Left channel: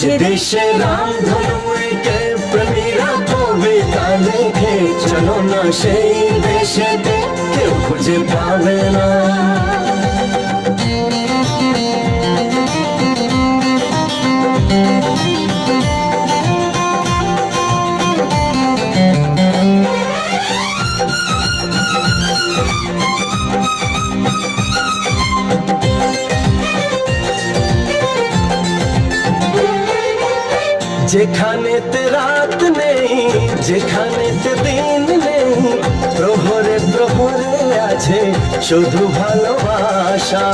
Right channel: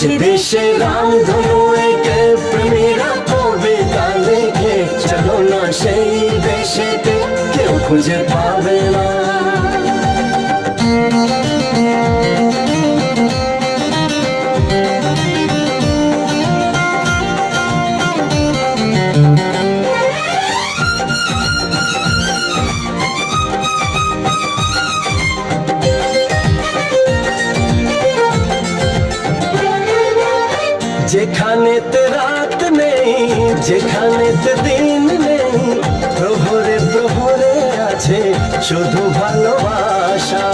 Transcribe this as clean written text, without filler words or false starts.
যে দেশে রামধনু এঁকে প্রেমীরা কবিতা লেখে, চলো না সেই দেশেতে, কেউ খুঁজে পাবে না। যেখানেতে রাত নেই, যেখানেতে দিন নেই, প্রহরে প্রহরে আছে শুধু ভালোবাসা।